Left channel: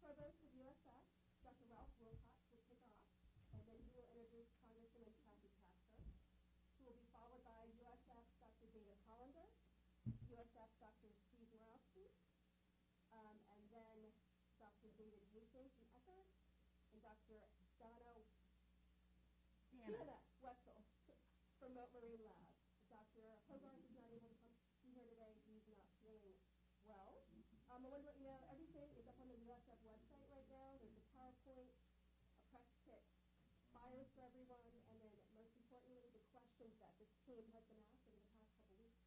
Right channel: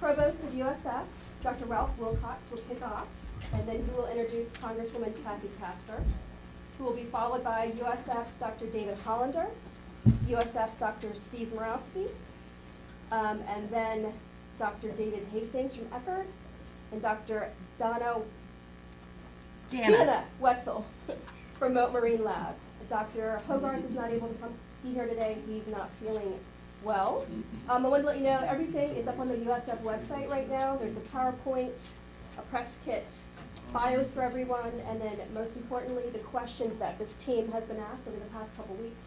Provost of USF, Dr. Ralph Wilcox, will kick off, and then he will introduce Congresswoman Kathy Castor, who will be followed by USF's Dr. David Hollander, USF's Dr. Steve Morawski, and then Dr. David Hastings from Eckerd, and Dr. Dana Wetzel from Moat Marine Lab. Dr. Hogarth is not able to be here today. He's not feeling well. I wanted to let you know everything is up on the USF website right now. There's a PowerPoint, a press kit, bios for everyone, and then most importantly, the questions that this team has been asked over the past couple weeks.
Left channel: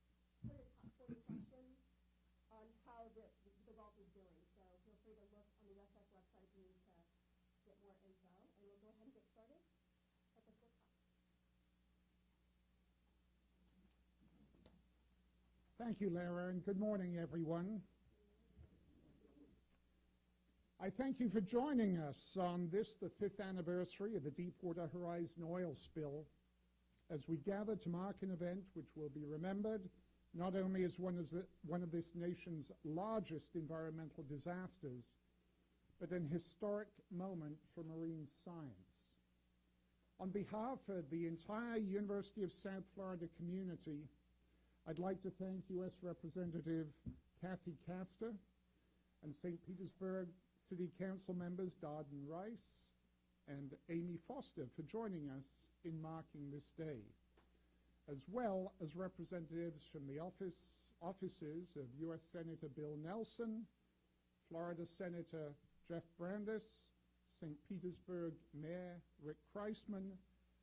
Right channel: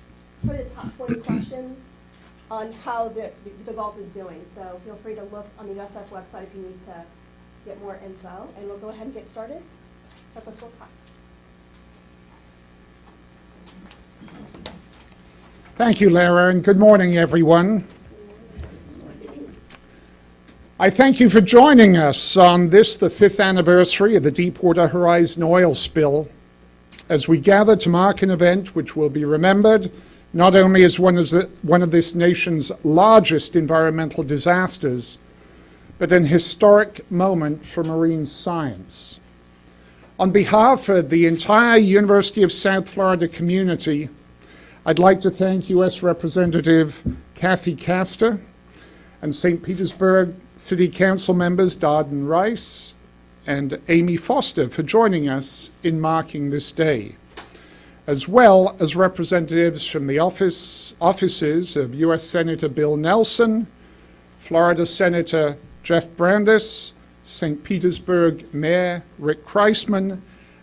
For the top 20 questions on how the Gulf is doing. So feel free to look on the USF website if you need to get more info. And we'll go ahead and get started. Provost Wilcox. Thank you, Lara, and good morning, everyone. I thank you for joining us on this, the 5th anniversary of the Deepwater Horizon oil spill, as we gather to mark an event which will be remembered not only as one of this nation's largest environmental disasters, but an historic moment for marine science. On behalf of the entire University of South Florida community, I'd like to thank U.S. Representative Kathy Castor and St. Petersburg City Council members Darden Rice and Amy Foster for joining us in marking this day, as well as representatives from the offices of U.S. Senator Bill Nelson, Florida Senator Jeff Brandes, St. Petersburg Mayor Rick Kreisman,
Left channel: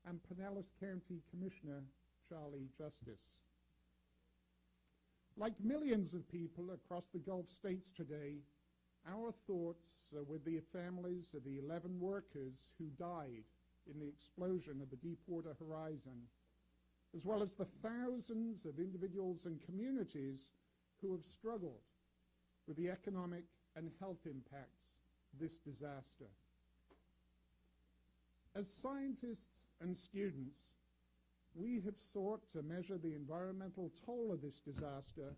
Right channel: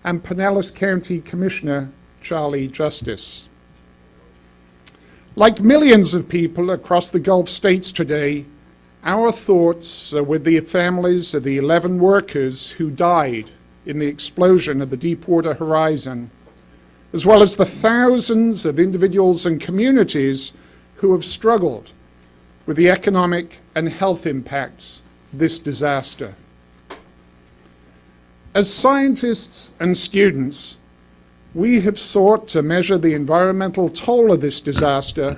and Pinellas County Commissioner Charlie Justice. Like millions of people across the Gulf states today, our thoughts are with the families of the 11 workers who died in the explosion of the Deepwater Horizon, as well as the thousands of individuals and communities who have struggled with the economic and health impacts of this disaster. As scientists and students, we have sought to measure the environmental toll of this disaster,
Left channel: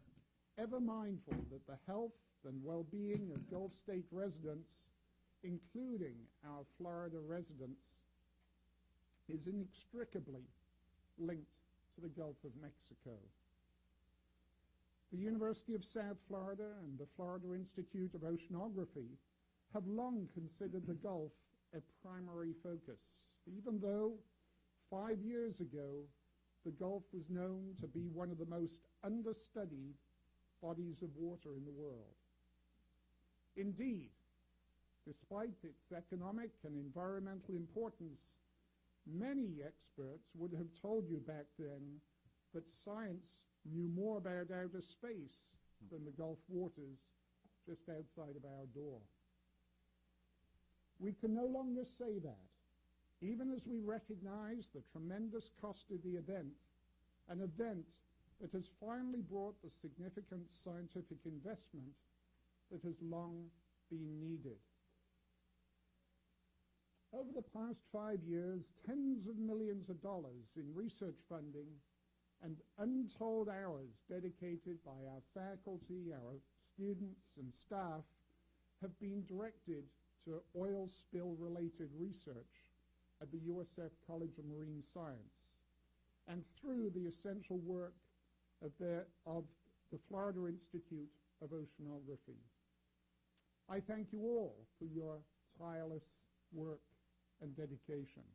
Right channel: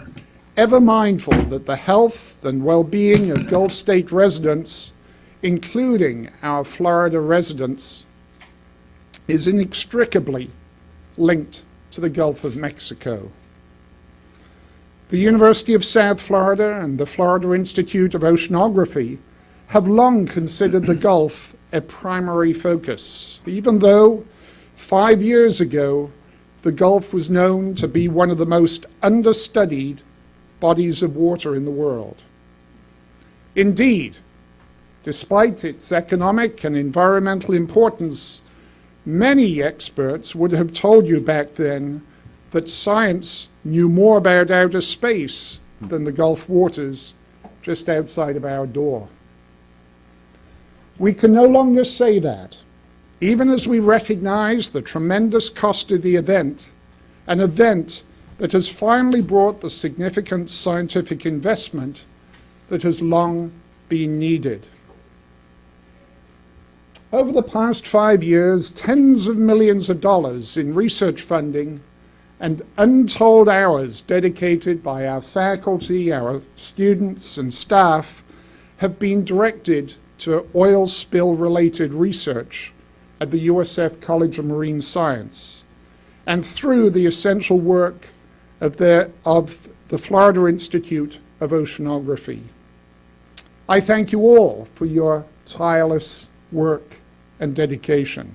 ever mindful that the health and well-being of Gulf State residents, including our Florida residents, is inextricably linked to the Gulf of Mexico. The University of South Florida and the Florida Institute of Oceanography have long considered the Gulf a primary focus, even though 5 years ago, the Gulf was known to be one of the most understudied bodies of water in the world. Indeed, despite its economic and environmental importance, many experts would have told you back then that science knew more about outer space than the Gulf waters just outside of our door. We can no longer say that, even as we recognize the tremendous cost of the event, an event that has finally brought the significant scientific investment that has long been needed. Over the past 5 years, tens of millions of dollars in research funding and untold hours dedicated by our faculty, our students, and staff have been directed to oil spill-related research at the USF College of Marine Science, and through the essential work of the Florida Institute of Oceanography. I thank you all for your tireless work and dedication.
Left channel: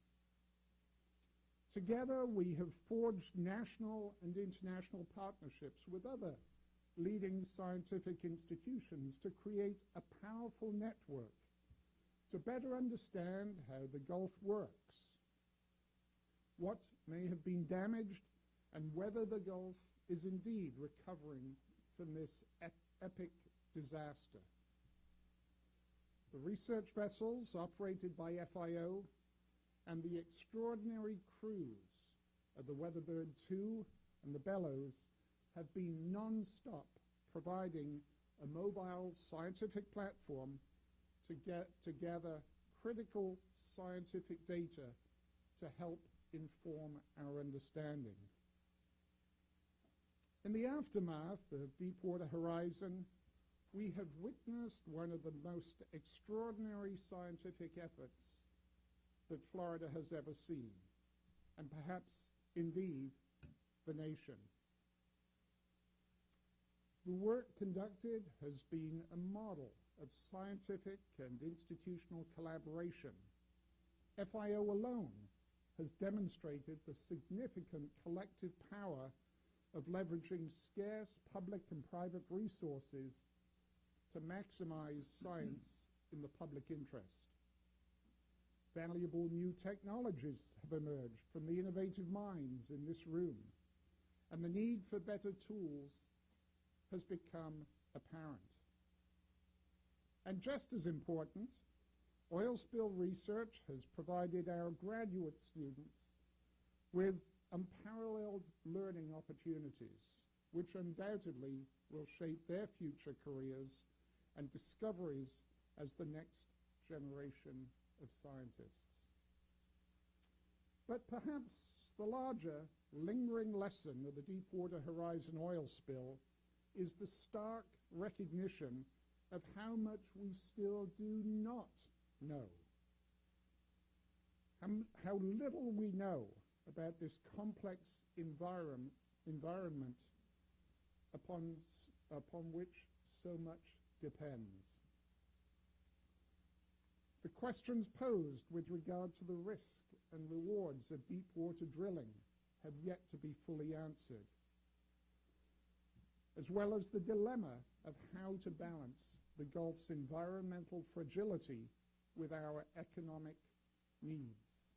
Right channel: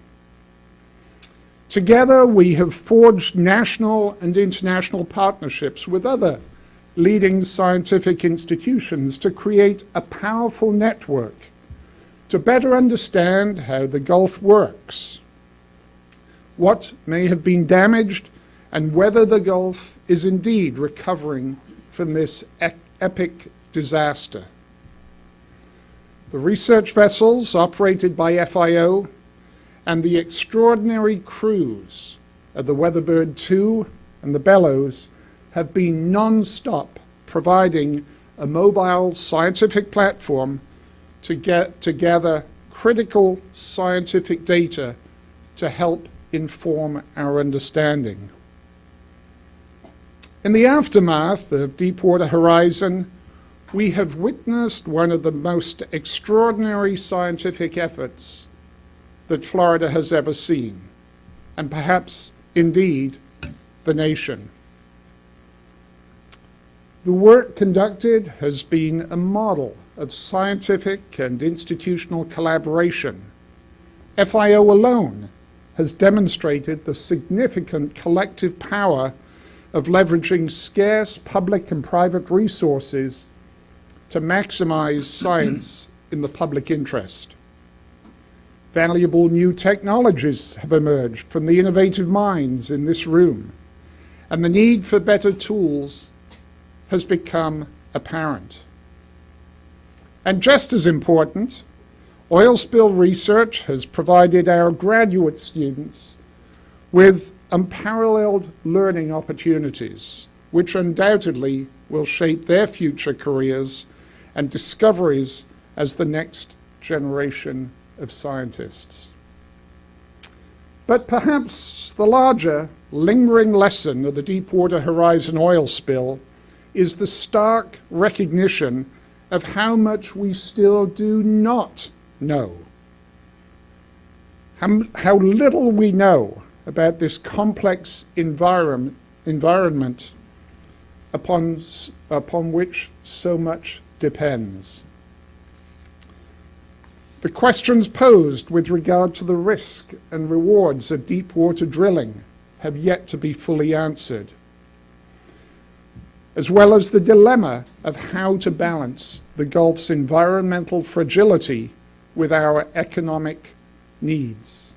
Together, we have forged national and international partnerships with other leading scientific institutions to create a powerful network to better understand how the Gulf works, what may have been damaged, and whether the Gulf is indeed recovering from this epic disaster. The research vessels operated by FIO and the extraordinary crews of the Weatherbird 2 and the Bellows have been non-stop providing a mobile scientific platform to gather critical scientific data to help inform our understanding. In the aftermath of Deepwater Horizon, we have witnessed one of the most extraordinary scientific efforts that Florida has ever seen, and perhaps, indeed, the nation. The work conducted has been a model of scientific and institutional collaboration. FIO alone has demonstrated the significant collective power of leveraging scarce public and private resources to maximize science in the public interest. Valuable new technologies have emerged from the innovative minds in this room, and the need for better tools has become apparent. And just as important, oil spill research has provided our graduate students with unparalleled learning opportunities, which undoubtedly will shape their future careers and discoveries as the next generation of scientists. But perhaps the larger, lingering lesson of the Deepwater Horizon oil spill is the stark recognition of how much we still do not know. How little we know about this complex environment upon which so much depends. The questions posed with regard to the risk and rewards of deep water drilling have yet to be fully answered, as well as the dilemma of how to balance the Gulf's environmental fragility with our economic needs.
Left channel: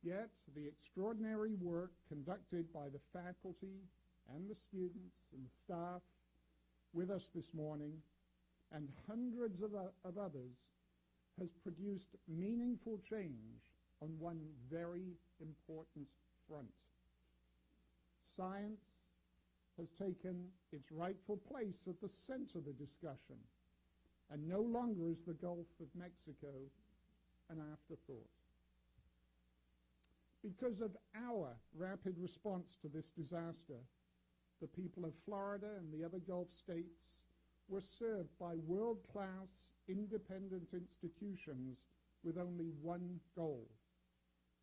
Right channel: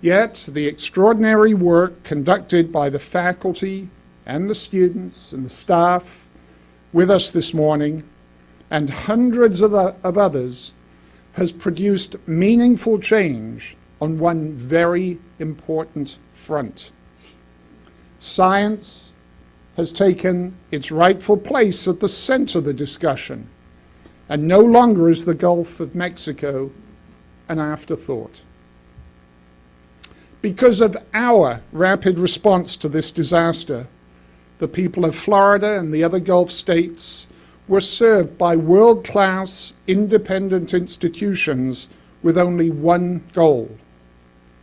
Yet, the extraordinary work conducted by the faculty and the students and the staff with us this morning, and hundreds of others, has produced meaningful change on one very important front. Science has taken its rightful place at the center of the discussion, and no longer is the Gulf of Mexico an afterthought. Because of our rapid response to this disaster, the people of Florida and the other Gulf states were served by world-class independent institutions with only one goal:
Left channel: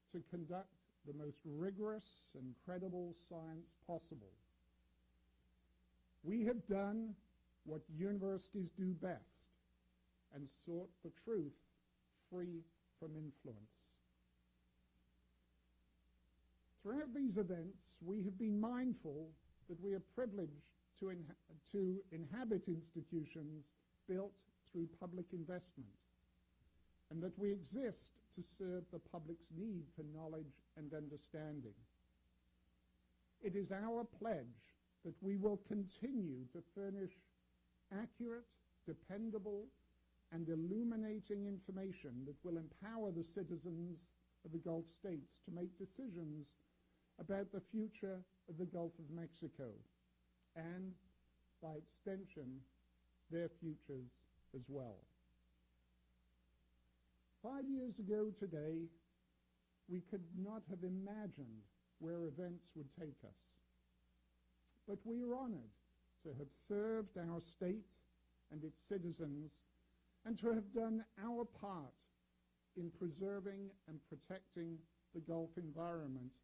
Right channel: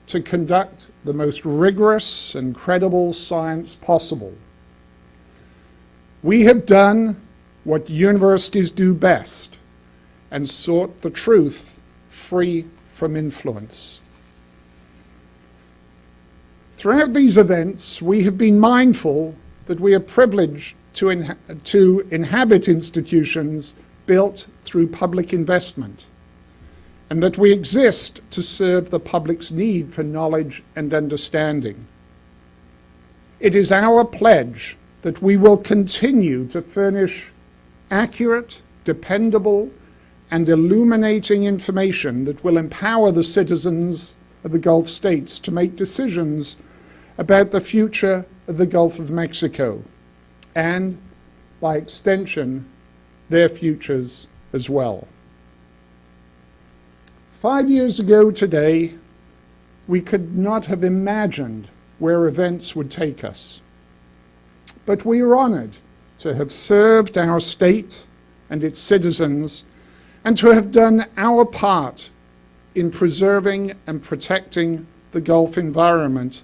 to conduct the most rigorous and credible science possible. We have done what universities do best and sought the truth free from influence. Throughout these events, we have been mindful that we are privileged to inhabit institutions built through public investment, and that we exist to serve the public's need for knowledge and understanding. It is our pledge that we will continue to furnish accurate, dependable, and illuminating information that will empower the citizens of the Gulf states to make decisions about the future of the Gulf of Mexico, and, by extension, their futures as well. 5 years ago today, we could not have imagined where events would take us. But we are honored to have served our state and its citizens, and to have done our part in preserving and protecting the Gulf environment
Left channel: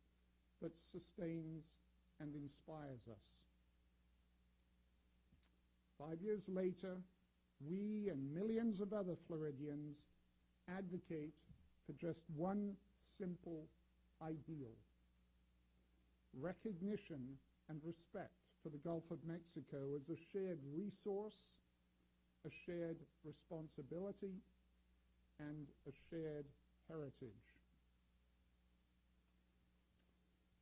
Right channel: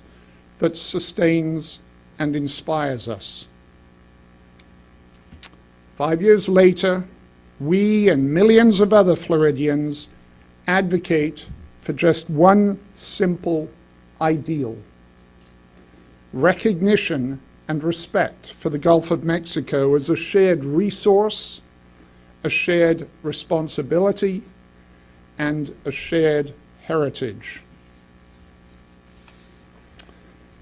that sustains and inspires us. 5 years later, we and millions of other Floridians advocate for just one simple ideal: recognition and respect for the Gulf of Mexico as a shared resource, a shared responsibility, and a shared heritage.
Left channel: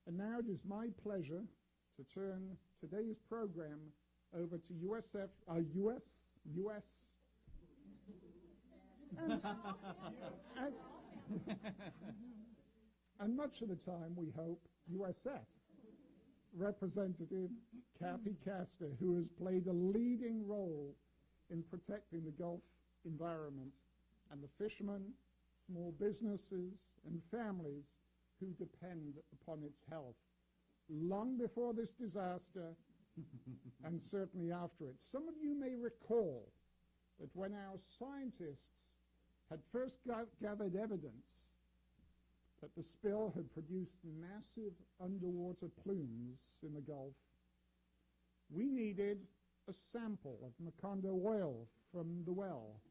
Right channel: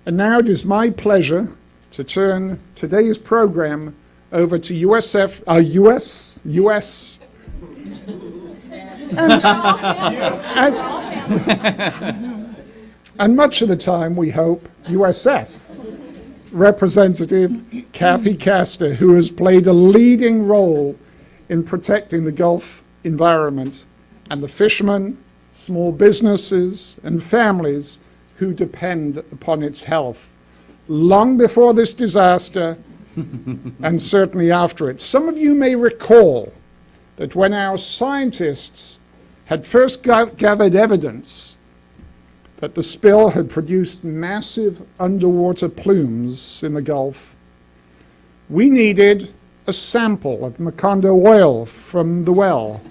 And now it is my pleasure to turn today's program over to US, and much of the time, we hope, USF Representative Kathy Castor, who has played a leading role in protecting the Gulf environment and the fishermen, small businesses, and families who depend upon its health. Long before this disaster, and certainly after it. Some of you may recall that when our scientists had first gathered evidence that the spill had produced massive underwater plumes in the Gulf, we needed a sample of Macondo oil from the well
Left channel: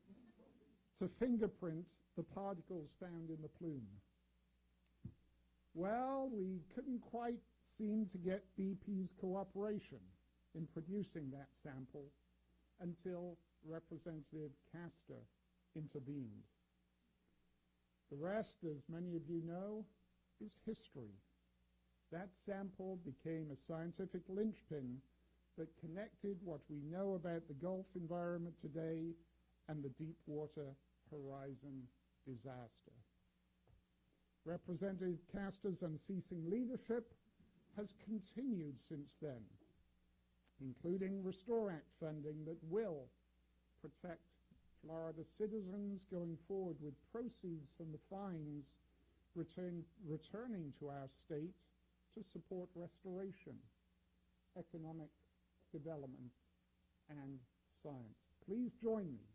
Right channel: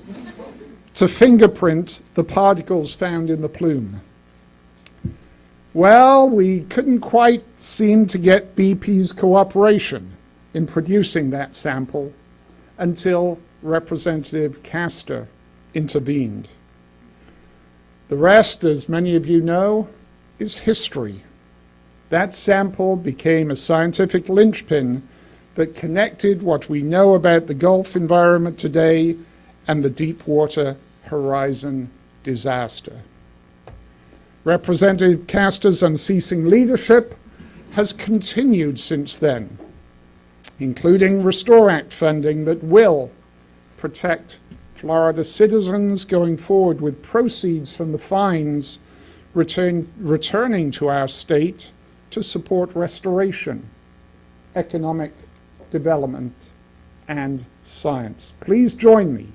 to fingerprint the particles found in the plume. Well, we couldn't quite seem to get BP's cooperation in producing that sample until Representative Castor intervened. The rest, as many of you know, is history. That sample became a scientific linchpin that connected what we know about the Gulf environment today and the Deepwater Horizon disaster. Representative Castor's unceasing leadership has continued since then, including Restore Act funding that will protect Florida citizens going forward, with proceeds from the fines returning to our state to support restoration, economic development, and science. Please join me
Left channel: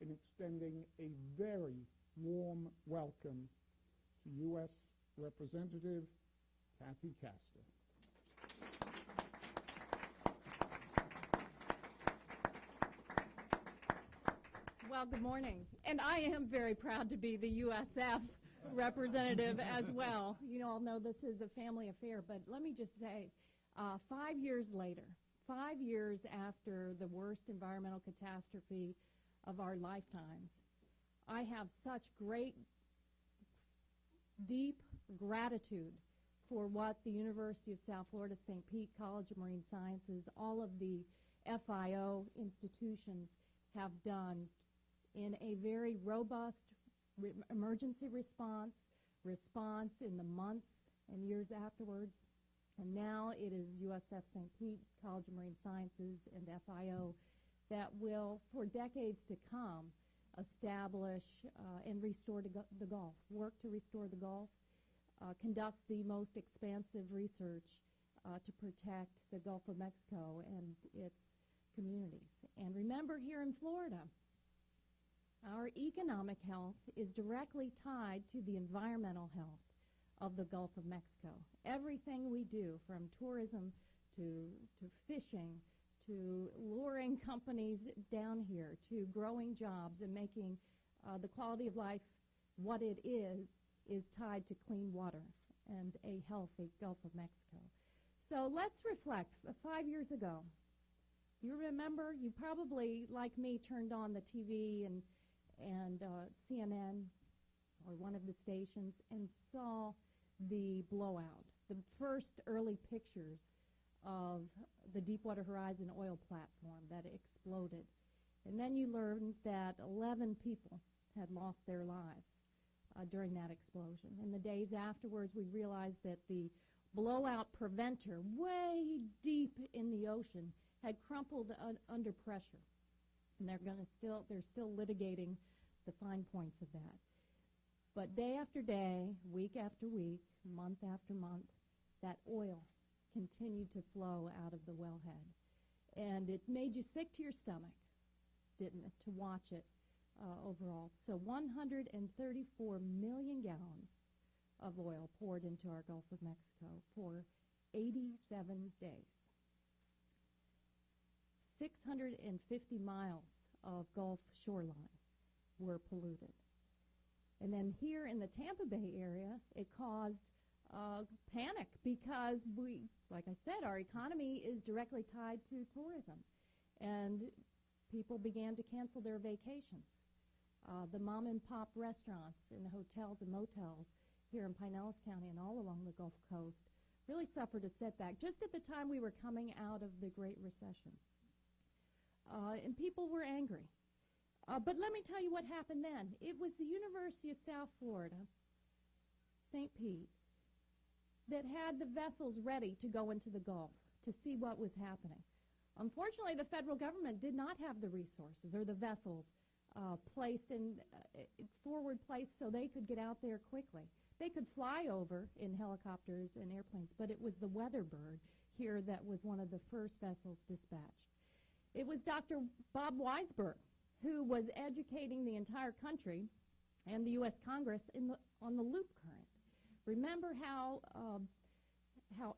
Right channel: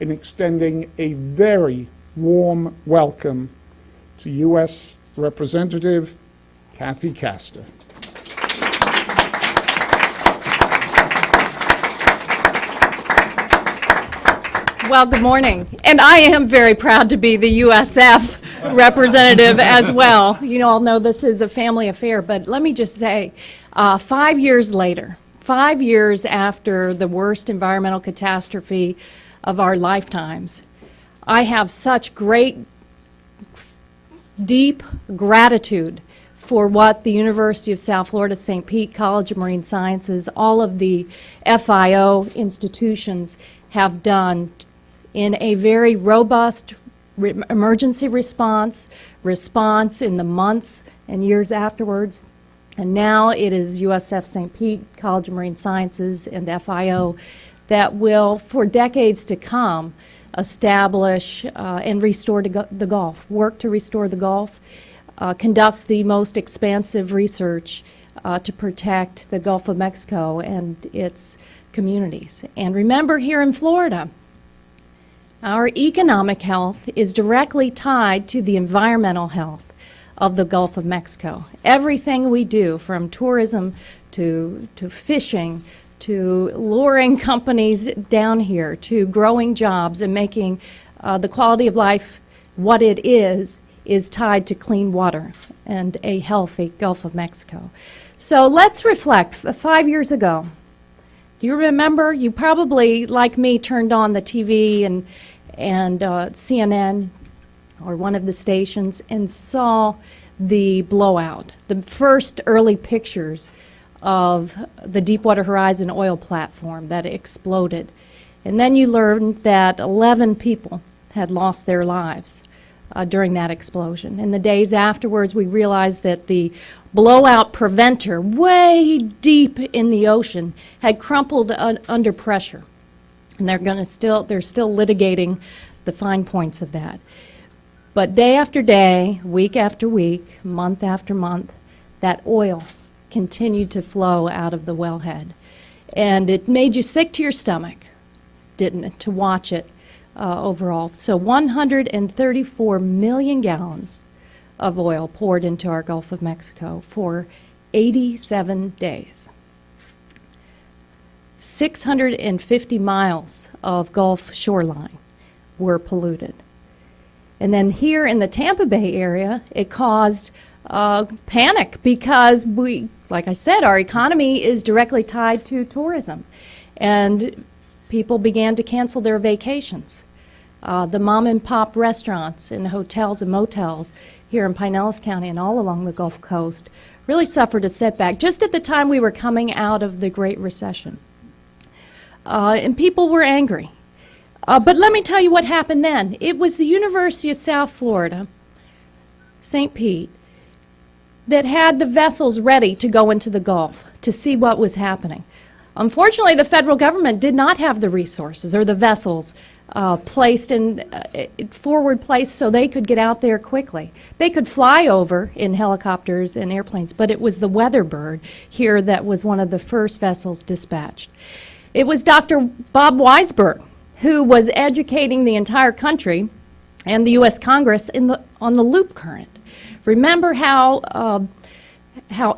in extending a very warm welcome to U.S. Representative Kathy Castor. Well, good morning. And I am very proud to be the USF representative as well. You all know this is a family affair, but let me just say, 5 years later, 5 years after the worst environmental catastrophe of our lifetimes, I have such great, deep gratitude for what the University of South Florida, St. Pete, College of Marine Sciences, all of the FIO institutions have done in a very robust emergency response in the months and years afterwards. And now it is USF St. Pete, College of Marine Sciences, and FIO that will, for decades to come, establish and restore the Gulf, work to restore the Gulf, conduct the most expansive research to protect the Gulf of Mexico and its communities. And remember, here in Florida, our economic health is directly tied to the environmental health of the Gulf of Mexico. Everything we do, from tourism to fishing, to luring companies down here, to growing jobs and making the quality of life what it is tied to clean water and a healthy Gulf of Mexico. So let's reflect. 5 years ago, do you remember? You probably, like me, turned on the TV and CNN or one of the stations and saw the blowout, the first early pictures of the Deepwater Horizon oil platform that exploded. And then you learned that 11 people had lost their lives during that explosion. In the days afterwards, we realized that the blowout preventer way deep in the ocean had crumpled under pressure. And they're still litigating the fine points of that. But day after day, week after week, month after month, that oil continued to flow out of the wellhead. And it made you sick to your stomach, didn't it, to watch it overall. So 134 million gallons of oil poured into our Gulf of Mexico for 87 days. 650 miles of Gulf shoreline were polluted. And then here in the Tampa Bay area, it caused panic because like I said, our economy is directly tied to tourism. And people began to cancel their vacations. The mom and pop restaurants and hotels and motels here in Pinellas County and all along the Gulf Coast really suffered a setback just at the time we were coming out of the Great Recession. And people were angry. But let me tell you what happened then. It was the University of South Florida, St. Pete, that had the vessels ready to go into the Gulf to see what was happening. Unfortunately, the federal government did not have the resources or the vessels forward placed so they could get out there quickly. They could fly over in helicopters and airplanes, but it was the Weatherbird here that was one of the first vessels dispatched. It was Dr. Bob Weisberg who was educating the entire country and the U.S. Congress on the loop current. Remember how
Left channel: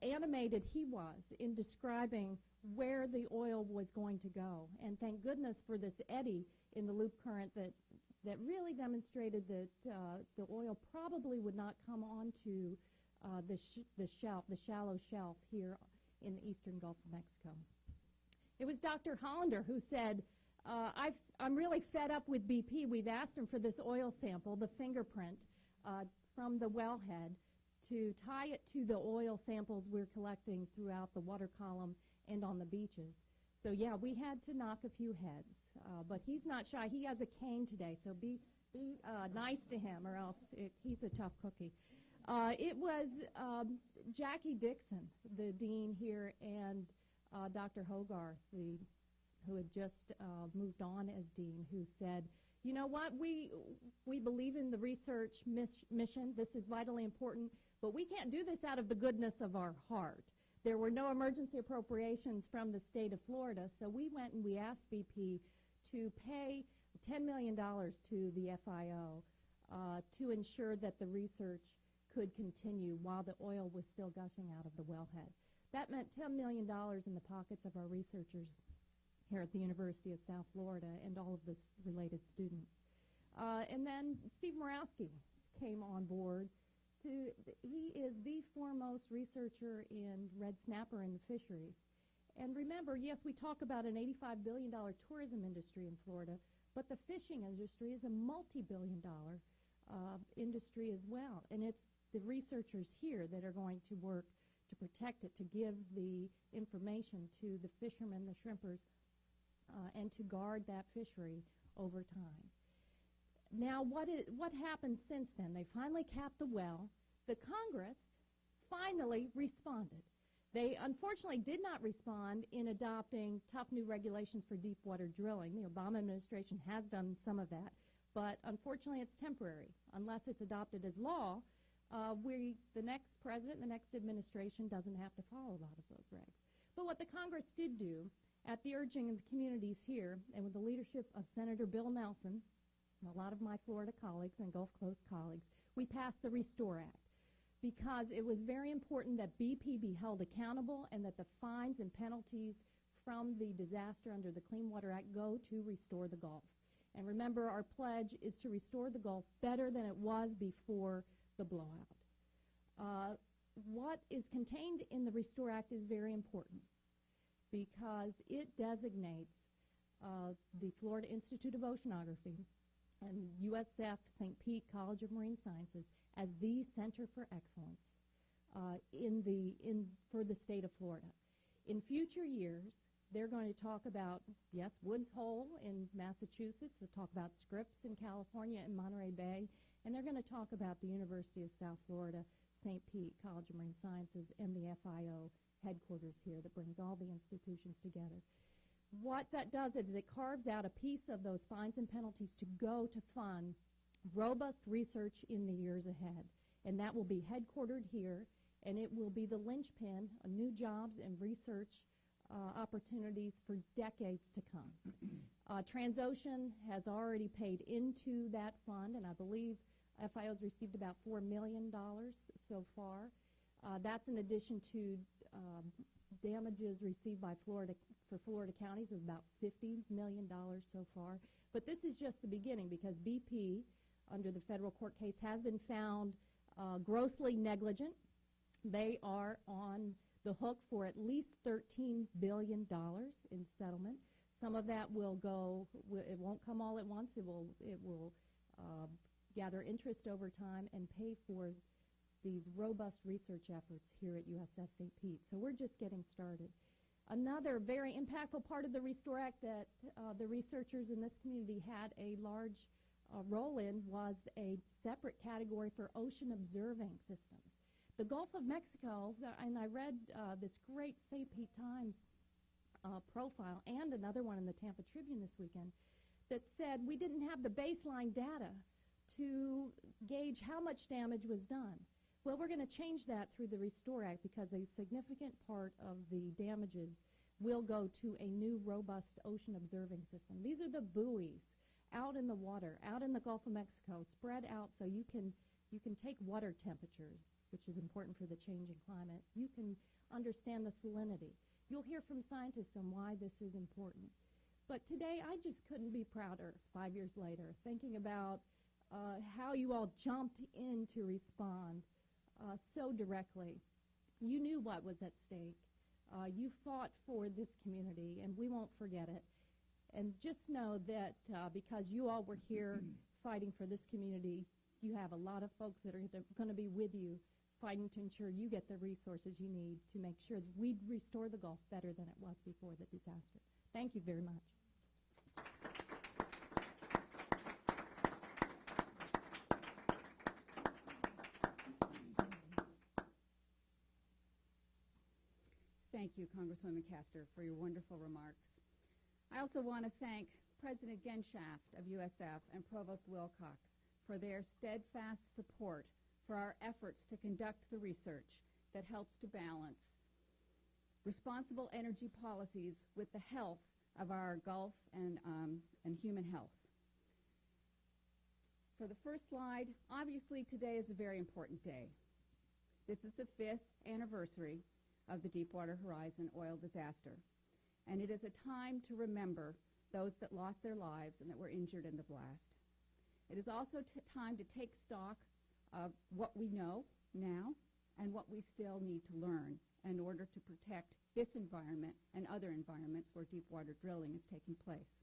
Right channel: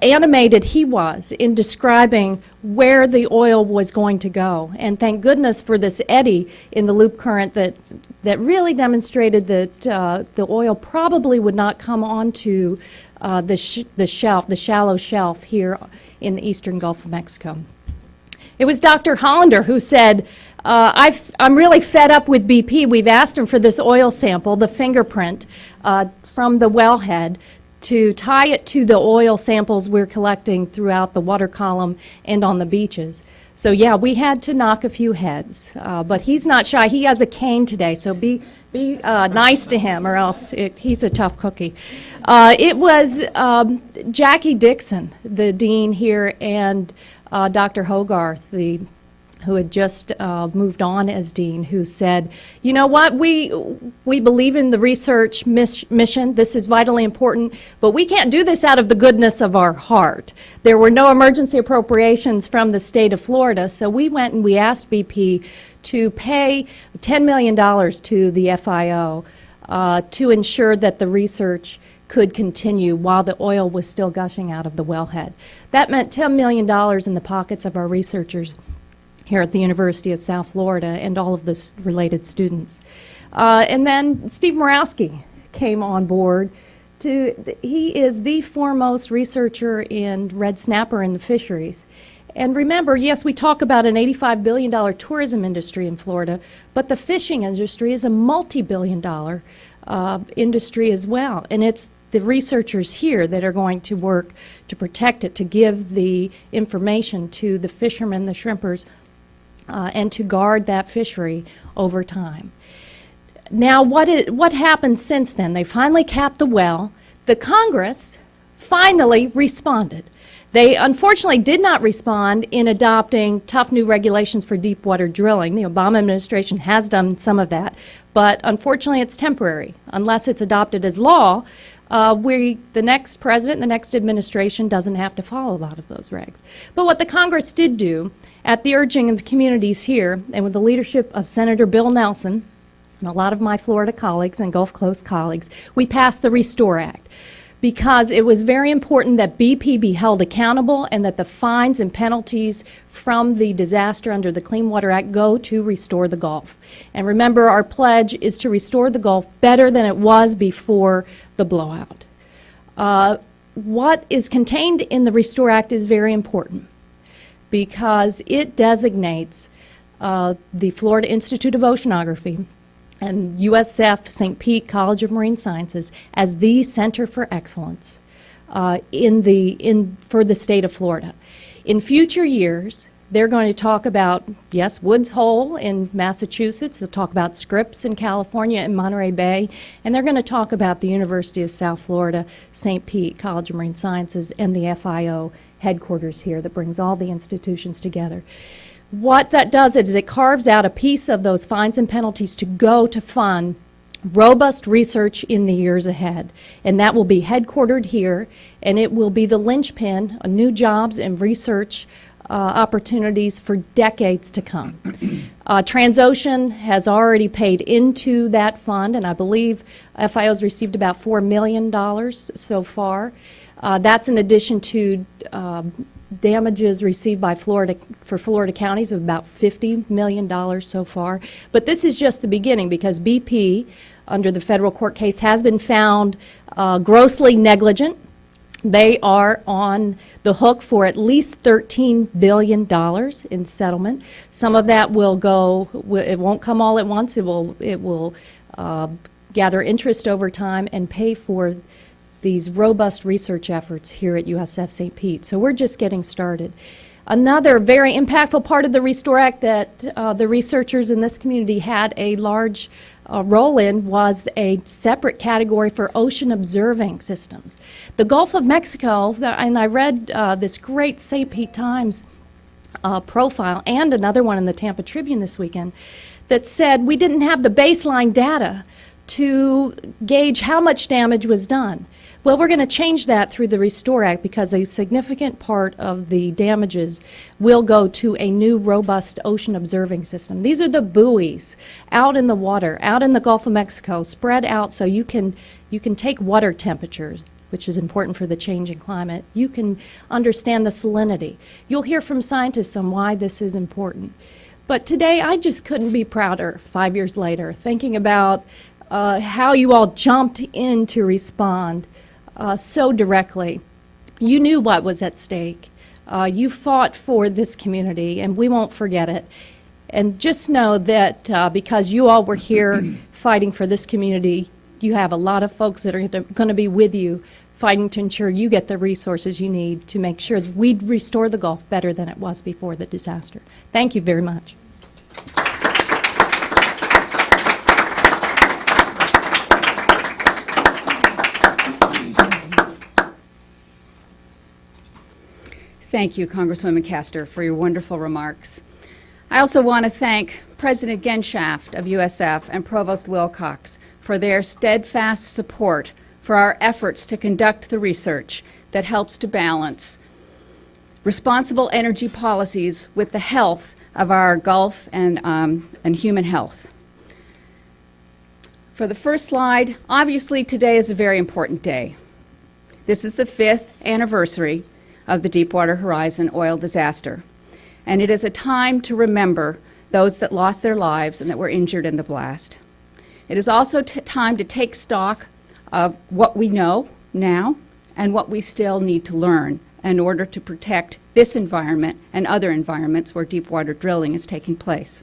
animated he was in describing where the oil was going to go. And thank goodness for this eddy in the loop current that really demonstrated that the oil probably would not come onto the shallow shelf here in the eastern Gulf of Mexico. It was Dr. Hollander who said, I'm really fed up with BP. We've asked him for this oil sample, the fingerprint from the wellhead, to tie it to the oil samples we're collecting throughout the water column and on the beaches. So yeah, we had to knock a few heads, but he's not shy. He has a cane today, so be nice to him, or else he's a tough cookie. It was Jackie Dixon, the dean here, and Dr. Hogarth, who had just moved on as dean, who said, you know what, we believe in the research mission. This is vitally important, but we can't do this out of the goodness of our heart. There were no emergency appropriations from the state of Florida, so we went and we asked BP to pay $10 million to the FIO to ensure that the research could continue while the oil was still gushing out of the wellhead. That meant $10 million in the pockets of our researchers here at the University of South Florida and all of the related students. And then Steve Murawski came on board. He is the foremost researcher in red snapper in the fisheries. And remember, yes, we talk about an $85 billion tourism industry in Florida, but the fishing industry is a multi-billion-dollar industry as well. And it's the researchers here that are going to work to protect it, to give the information to the fishermen, the shrimpers, and to guard that fishery over time. Now, what happened since then? They finally capped the well. The Congress finally responded. They unfortunately did not respond in adopting tough new regulations for deep water drilling. The Obama administration has done some of that, but unfortunately it's temporary. Unless it's adopted as law, the next president, the next administration doesn't have to follow a lot of those regs. But what the Congress did do, at the urging of the communities here, and with the leadership of Senator Bill Nelson, and a lot of my Florida colleagues and Gulf Coast colleagues, we passed the Restore Act, because it was very important that BP be held accountable and that the fines and penalties from the disaster under the Clean Water Act go to restore the Gulf. And remember, our pledge is to restore the Gulf better than it was before the blowout. What is contained in the Restore Act is very important because it designates the Florida Institute of Oceanography and USF St. Pete College of Marine Sciences as the center for excellence for the state of Florida. In future years, they're going to talk about, yes, Woods Hole in Massachusetts, they'll talk about Scripps in California and Monterey Bay, and they're going to talk about the University of South Florida, St. Pete College of Marine Sciences, and the FIO headquarters here that brings all the institutions together. What that does is it carves out a piece of those fines and penalties to go to fund robust research in the years ahead. And that will be headquartered here, and it will be the linchpin of new jobs and research opportunities for decades to come. Transocean has already paid into that fund, and I believe FIO has received about $4 million so far. That's in addition to damages received by Florida counties of about $50 million so far. But this is just the beginning because BP, under the federal court case, has been found grossly negligent. They are on the hook for at least $13 billion in settlement. Some of that will go, it won't come all at once. It will gather interest over time and pay for these robust research efforts here at USF St. Pete. So we're just getting started. Another very impactful part of the Restore Act that the researchers in this community had a large role in was a separate category for ocean observing systems. The Gulf of Mexico, and I read this great St. Pete Times profile and another one in the Tampa Tribune this weekend, that said we didn't have the baseline data to gauge how much damage was done. Well, we're going to change that through the Restore Act because a significant part of the damages will go to a new robust ocean observing system. These are the buoys out in the water, out in the Gulf of Mexico, spread out so you can take water temperatures, which is important for the changing climate. You can understand the salinity. You'll hear from scientists on why this is important. But today, I just couldn't be prouder, 5 years later, thinking about how you all jumped in to respond so directly. You knew what was at stake. You fought for this community, and we won't forget it. And just know that because you all were here fighting for this community, you have a lot of folks that are going to be with you fighting to ensure you get the resources you need to make sure that we restore the Gulf better than it was before the disaster. Thank you very much. Thank you, Congresswoman Castor, for your wonderful remarks. I also want to thank President Genshaft of USF and Provost Wilcox for their steadfast support for our efforts to conduct the research that helps to balance responsible energy policies with the health of our Gulf and human health. For the first slide, obviously today is a very important day. This is the 5th anniversary of the Deepwater Horizon oil disaster, and it is a time to remember those that lost their lives and that were injured in the blast. It is also time to take stock of what we know now and what we still need to learn in order to protect this environment and other environments where deepwater drilling is taking place.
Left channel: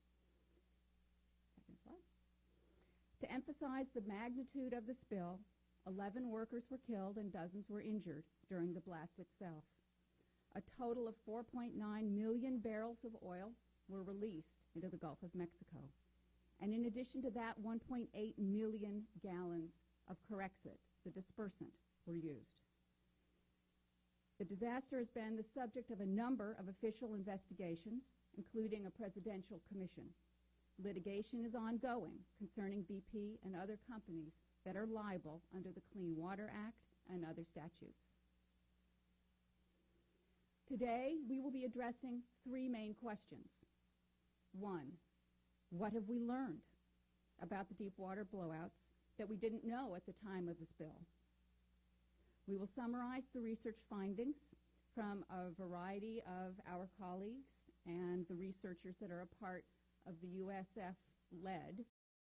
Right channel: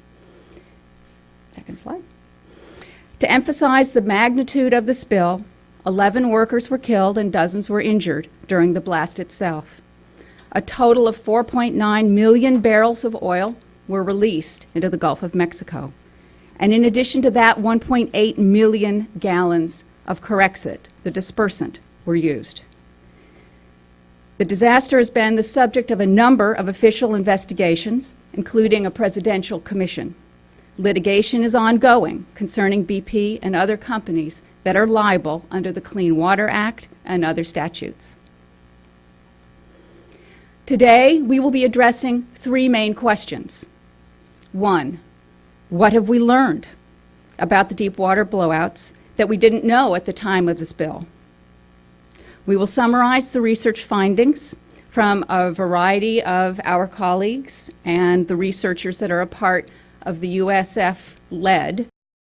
Second slide. To emphasize the magnitude of the spill, 11 workers were killed and dozens were injured during the blast itself. A total of 4.9 million barrels of oil were released into the Gulf of Mexico. And in addition to that, 1.8 million gallons of Corexit, the dispersant, were used. The disaster has been the subject of a number of official investigations, including a presidential commission. Litigation is ongoing concerning BP and other companies that are liable under the Clean Water Act and other statutes. Today, we will be addressing 3 main questions. 1, what have we learned about the deepwater blowouts that we didn't know at the time of the spill? We will summarize the research findings from a variety of our colleagues and the researchers that are a part of the USF-led